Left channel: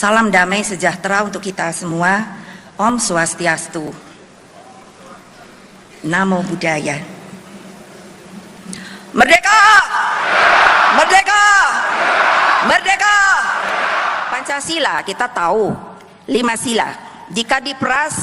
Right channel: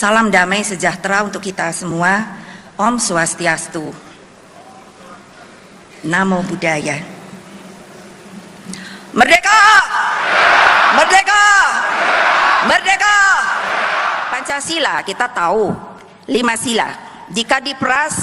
Salam damai sejahtera untuk kita semua. Om Swastiastu. Namo Buddhaya. Merdeka! Merdeka! Merdeka! Pancasila kita tahu 5 sila. Jika diperas,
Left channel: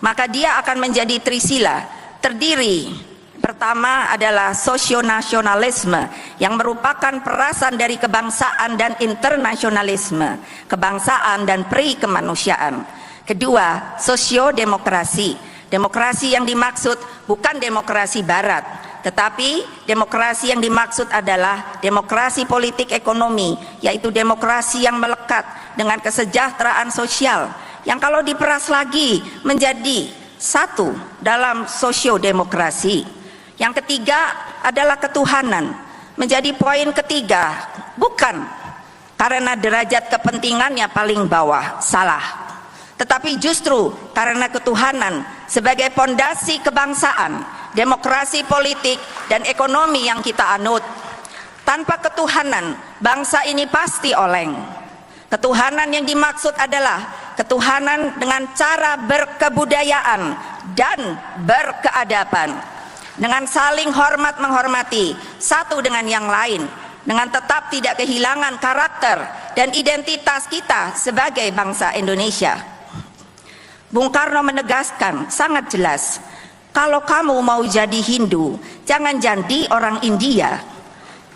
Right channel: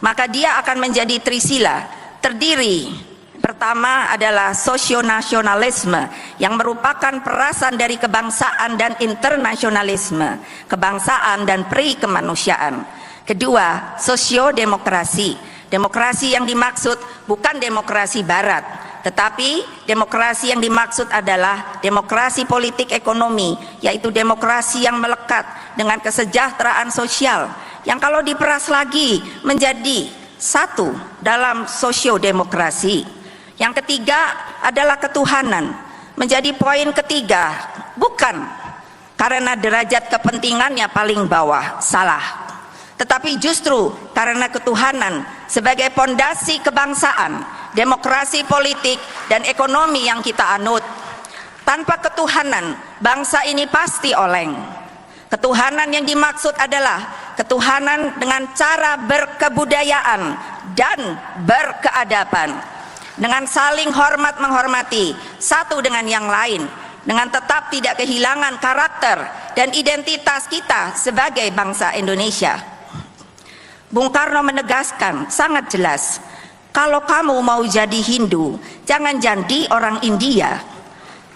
maka dia akan menjadi trisila. Terdiri pertama adalah sosionasionalisme yang merupakan perasan dari kebangsaan dan internasionalisme, kebangsaan dan pri-kemanusiaan. Kedua, sosiodemokrasi. Demokrasi yang dimaksud bukan demokrasi barat, tetapi demokrasi yang dimaksud adalah demokrasi politik ekonomi, yaitu demokrasi yang melekat dengan kesejahteraan sosial, yang kalau diperas lagi menjadi satu dalam sosiodemokrasi. Yang ketiga adalah ketuhanan, menjadi poin ketiga, bukan karena derajat kepentingannya paling bawah, salah, tetapi justru karena ketuhanan sebagai pondasi kebangsaan, demokrasi politik dan ekonomi yang kita anut. Tanpa ketuhanan, bangsa ini pasti oleng. Ketuhanan yang dimaksud adalah ketuhanan dengan cara berkebudayaan dan berkeadaban, dengan saling hormat menghormati satu dengan yang lain, dengan tetap tidak kehilangan karakter dan identitas kita sebagai bangsa Indonesia. Bung Karno menegaskan sangat jelas, kalau kamu mau jadi Hindu, jangan jadi orang India.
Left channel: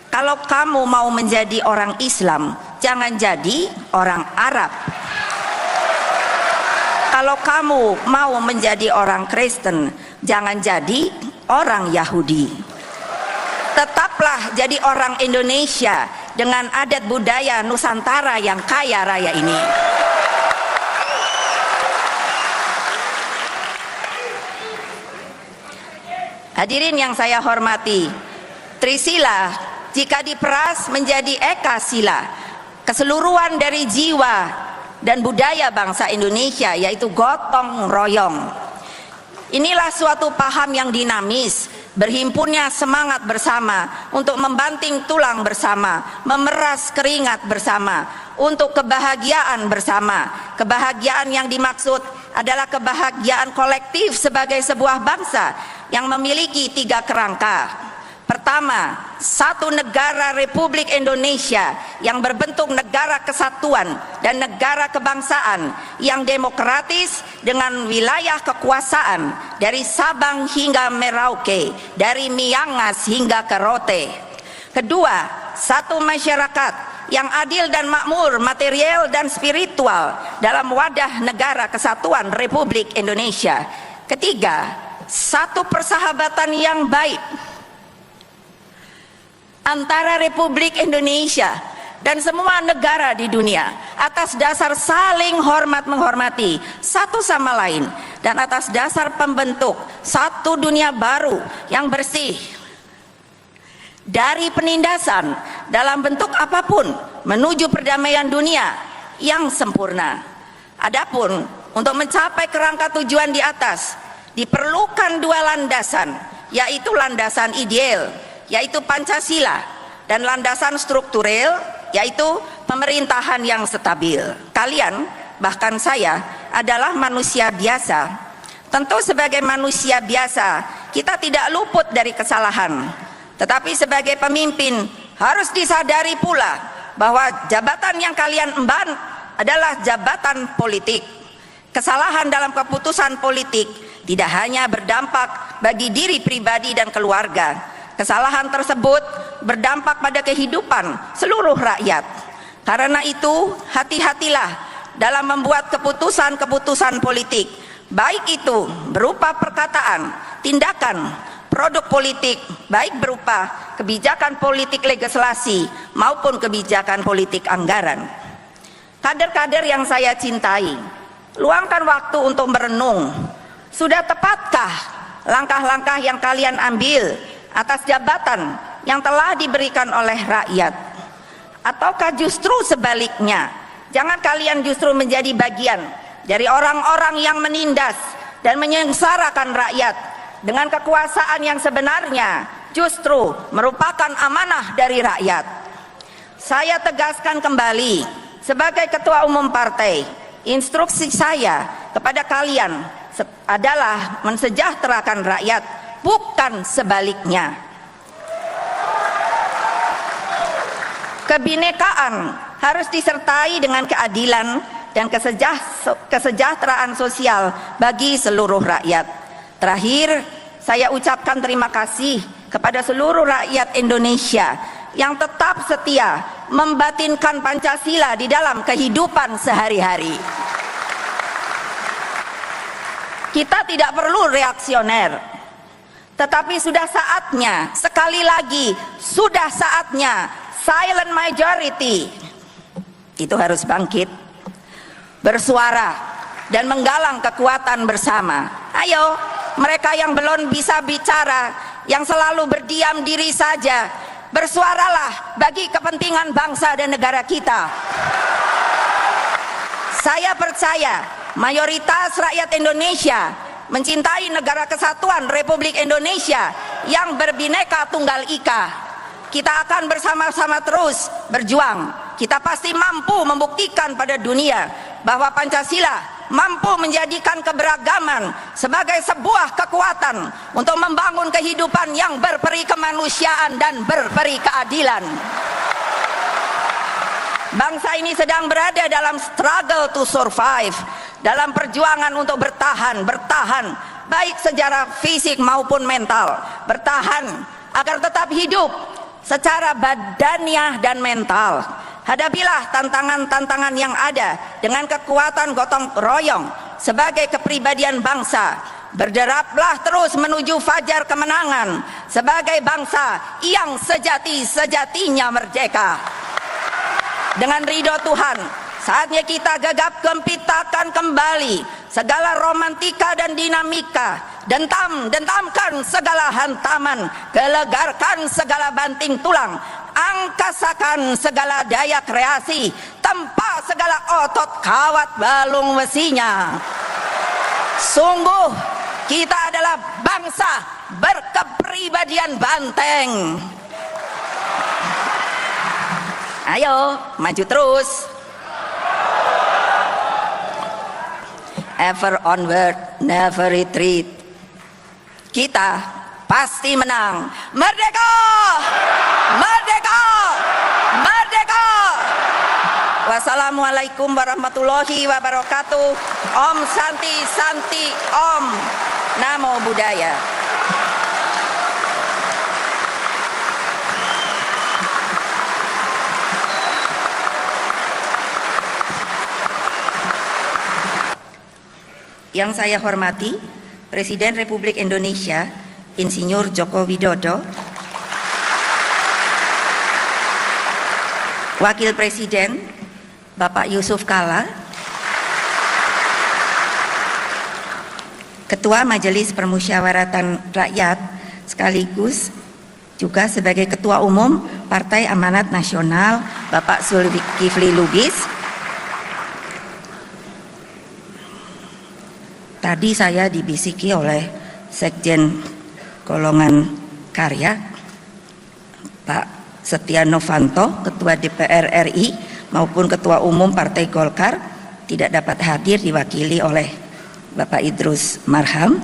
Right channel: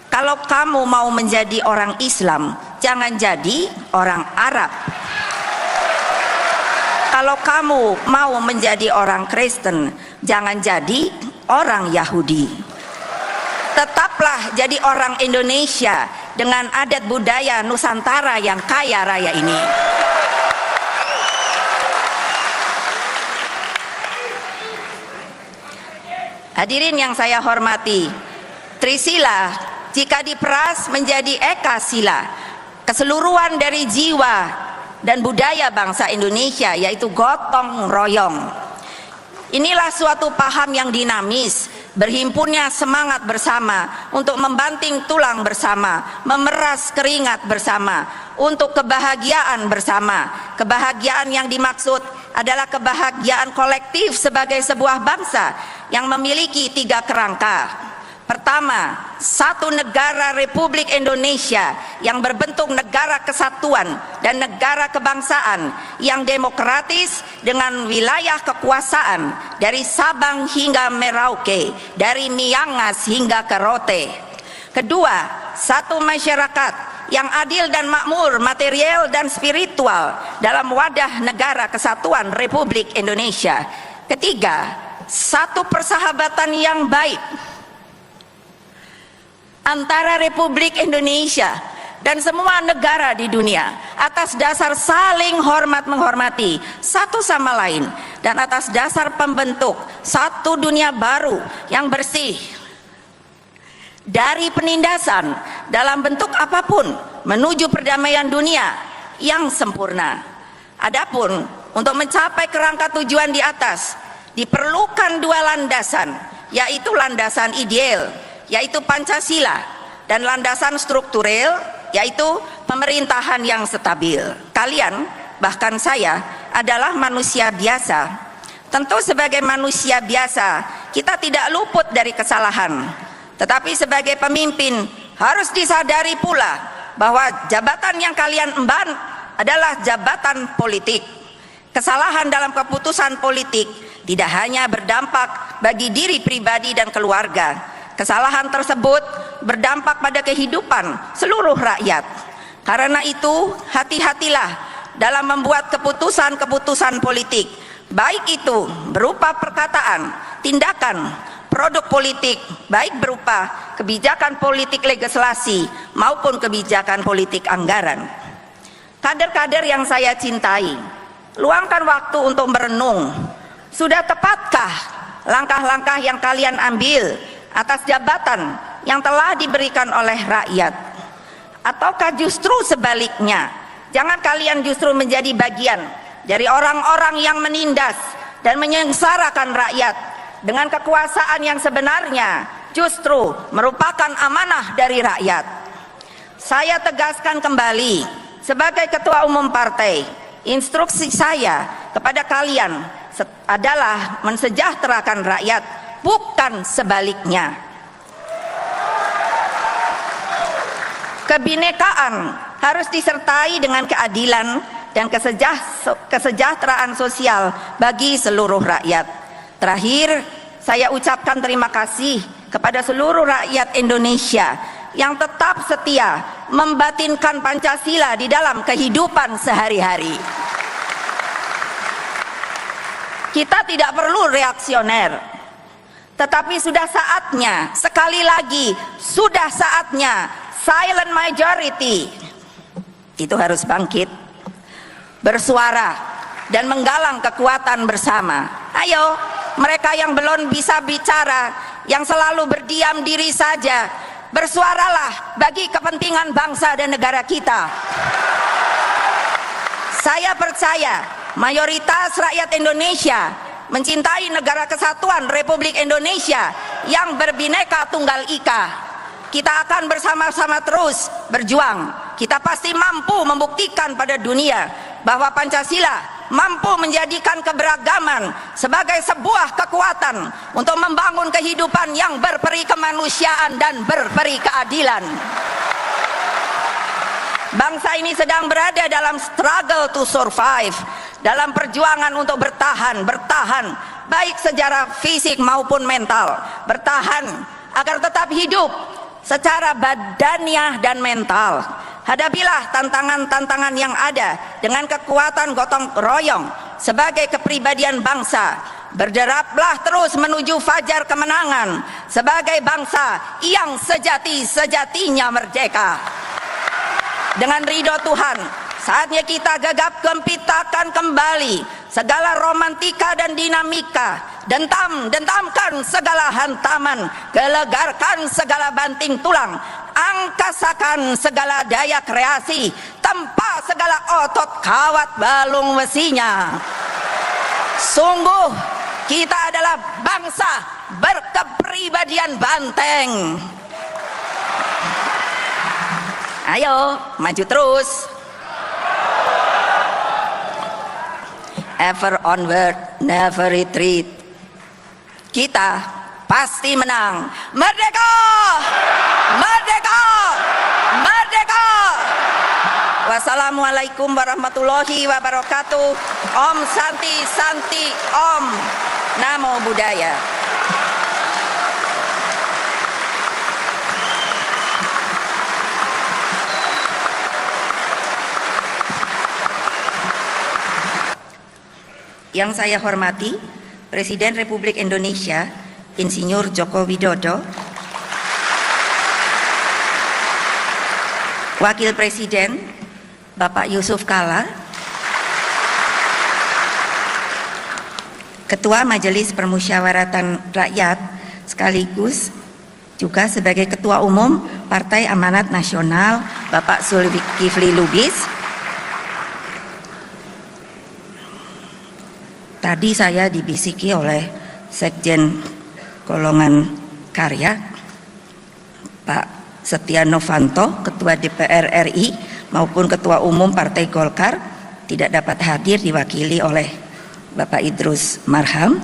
Kalau kamu mau menjadi orang Islam, jangan jadi orang Arab. Kalau kamu mau menjadi orang Kristen, jangan jadi orang Yahudi. Tetaplah jadi orang Indonesia dengan adat budaya Nusantara yang kaya raya ini. Hadirin yang saya hormati, Trisila jika diperas menjadi Eka Sila, keseluruhan dari jiwa dan budaya bangsa Indonesia, yaitu gotong royong. Inilah suatu paham yang dinamis, berhimpunnya semangat bersama untuk membanting tulang bersama, memeras keringat bersama, untuk kebahagiaan bersama. Kebahagiaan yang dimaksud adalah kebahagiaan kolektif sebagai sebuah bangsa yang memiliki 3 kerangka. Pertama, satu negara Republik Indonesia yang berbentuk negara kesatuan dan negara kebangsaan yang demokratis dengan wilayah kekuasaan dari Sabang hingga Merauke, dari Miangas hingga Karote. Kedua, satu masyarakat yang adil dan makmur material dan spiritual dalam wadah negara kesatuan Republik Indonesia. Ketiga, satu persahabatan yang baik antara Republik Indonesia dan semua negara di dunia atas dasar saling hormat menghormati satu sama lain dan atas dasar pembentuk satu dunia baru yang bersih dari penindasan dalam bentuk apapun menuju perdamaian dunia yang sempurna. Adapun untuk mencapai kerangka tujuan di atas diperlukan 2 landasan, yaitu landasan ideal, yaitu Pancasila, dan landasan struktural, yaitu pemerintahan yang stabil. Kalian, bahkan saya, adalah manusia biasa. Tentu sebagai manusia biasa, kita tidak luput dari kesalahan. Tetapi sebagai pemimpin, harus disadari pula bahwa jabatan yang kalian emban adalah jabatan politik. Kesalahan dalam keputusan politik tidak hanya berdampak bagi diri pribadi dan keluarga. Kesalahan tersebut berdampak pada kehidupan seluruh rakyat. Karena itu, hati-hatilah dalam membuat keputusan-keputusan politik, baik itu berupa perkataan, tindakan, produk politik, baik berupa kebijakan politik legislasi maupun kebijakan politik anggaran. Kader-kader yang saya cintai, luangkan waktu untuk merenung. Sudah tepatkah langkah-langkah yang kalian ambil atas jabatan yang telah diberikan oleh rakyat? Ataukah justru sebaliknya, jangan kalian justru menjadi bagian dari orang-orang yang menindas dan menyengsarakan rakyat dengan kekuasaan yang sebenarnya justru merupakan amanah dari rakyat. Saya tegaskan kembali, Sebagai ketua umum partai, instruksi saya kepada kalian adalah mensejahterakan rakyat, bukan sebaliknya. Kebinekaan harus disertai dengan keadilan dan kesejahteraan sosial bagi seluruh rakyat. Terakhir, saya ucapkan terima kasih kepada seluruh rakyat Indonesia yang tetap setia membatinkan Pancasila di dalam kehidupan sehari-hari. Kita tidak perlu reaksioner, tetapi sudah saatnya, sekali lagi, sudah saatnya silent majority itu harus bangkit, bersuara, dan menggalang kekuatan bersama. Ayo, mereka yang belum bisa bicara, yang selalu berdiam diri saja, bersuaralah bagi kepentingan bangsa dan negara kita. Saya percaya mayoritas rakyat Indonesia mencintai negara kesatuan Republik Indonesia yang berbineka tunggal ika. Kita akan bersama-sama terus berjuang. Kita pasti mampu membuktikan pada dunia bahwa Pancasila mampu menjadikan keberagaman sebagai sebuah kekuatan untuk membangun kehidupan yang berperi kemanusiaan dan berperi keadilan. Bangsa ini sedang berada dalam struggle to survive, dalam perjuangan untuk bertahan, baik secara fisik maupun mental, bertahan agar tetap hidup secara badaniah dan mental. Hadapilah tantangan-tantangan yang ada dengan kekuatan gotong royong sebagai kepribadian bangsa. Berderaplah terus menuju fajar kemenangan sebagai bangsa yang sejati-sejatinya merdeka. Dengan ridho Tuhan, saatnya kita gegap gempitakan kembali segala romantika dan dinamika, dentamkan segala hantaman, gelegarkan segala banting tulang, angkasakan segala daya kreasi, tempa segala otot kawat balung besinya. Sungguh kita adalah bangsa berkepribadian banteng. Ayo maju terus. Ever onward, never retreat. Kita pasti menang. Merdeka! Merdeka! Merdeka! Wassalamualaikum warahmatullahi wabarakatuh. Om Santi Santi Om. Namo Buddhaya. Yang saya hormati Presiden Republik Indonesia Insinyur Joko Widodo, Wakil Presiden Bapak Yusuf Kala, Ketua Majelis Permusyawaratan Rakyat sekaligus juga sebagai Ketua Umum Partai Amanat Nasional Bapak Zulkifli Lubis. Tadi saya dibisiki oleh Sekjen Golongan Karya Pak Setia Novanto, Ketua DPR RI maupun Ketua Umum Partai Golkar tidak dapat hadir, diwakili oleh Bapak Idrus Marham.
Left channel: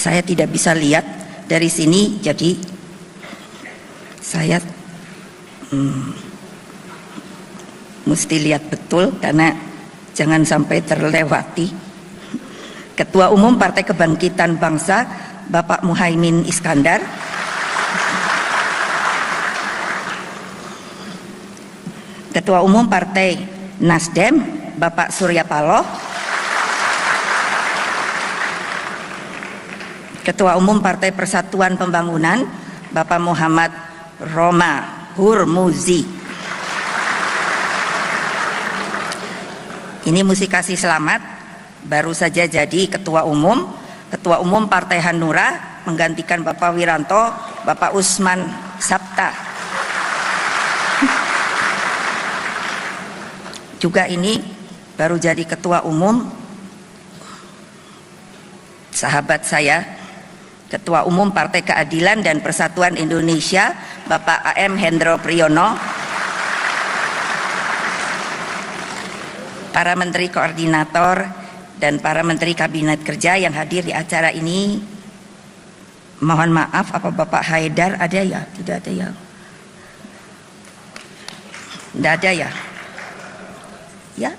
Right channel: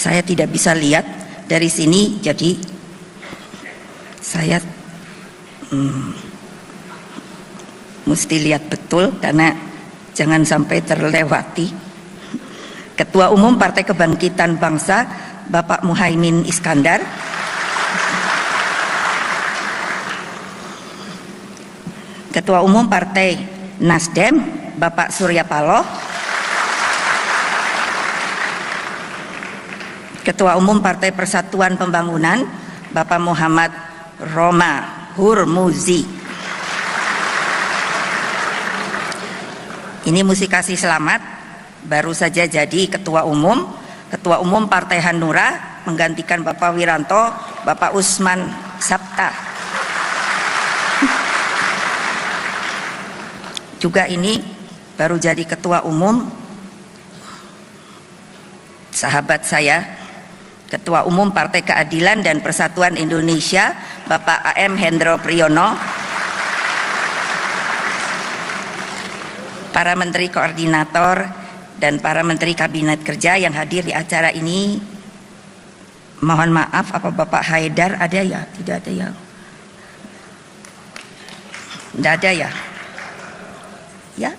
Saya tidak bisa lihat dari sini, jadi saya mesti lihat betul karena jangan sampai terlewati. Ketua Umum Partai Kebangkitan Bangsa Bapak Muhaimin Iskandar, Ketua Umum Partai Nasdem Bapak Surya Paloh, Ketua Umum Partai Persatuan Pembangunan Bapak Muhammad Roma Hurmuzi. Ini mesti kasih selamat, baru saja jadi Ketua Umum Partai Hanura menggantikan Bapak Wiranto, Bapak Usman Sabta. Juga ini baru jadi Ketua Umum sahabat saya, Ketua Umum Partai Keadilan dan Persatuan Indonesia Bapak AM Hendro Priyono, para menteri koordinator dan para menteri kabinet kerja yang hadir di acara ini. Mohon maaf, apa Bapak Haidar ada ya? Tidak ada ya? Tidak ada ya? Ya?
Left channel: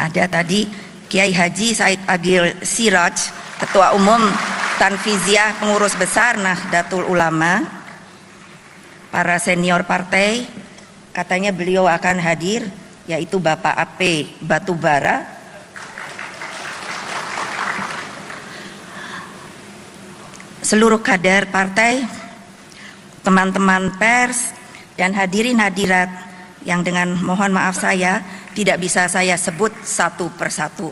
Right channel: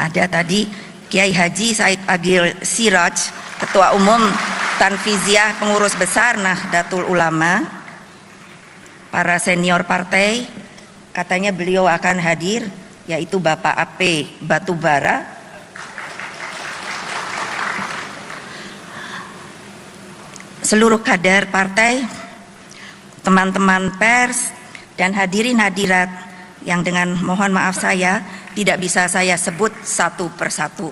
Ada tadi Kiai Haji Said Agil Siraj, Ketua Umum Tanfiziah Pengurus Besar Nahdlatul Ulama, para senior partai, katanya beliau akan hadir, yaitu Bapak AP Batubara, seluruh kader partai, teman-teman pers, dan hadirin hadirat yang dengan mohon maaf saya tidak bisa saya sebut satu persatu.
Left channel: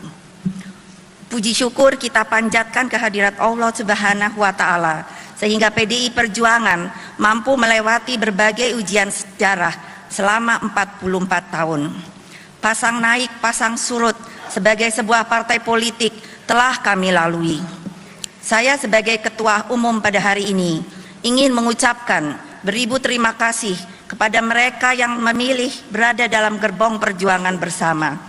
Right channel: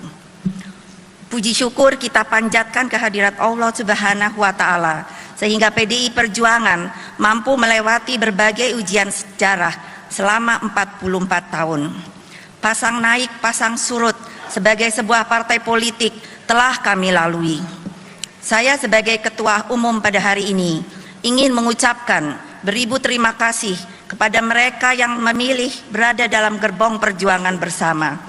Puji syukur kita panjatkan kehadirat Allah Subhanahu wa Ta'ala, sehingga PDI Perjuangan mampu melewati berbagai ujian sejarah selama 44 tahun. Pasang naik, pasang surut sebagai sebuah partai politik telah kami lalui. Saya sebagai Ketua Umum pada hari ini ingin mengucapkan beribu terima kasih kepada mereka yang memilih berada dalam gerbong perjuangan bersama.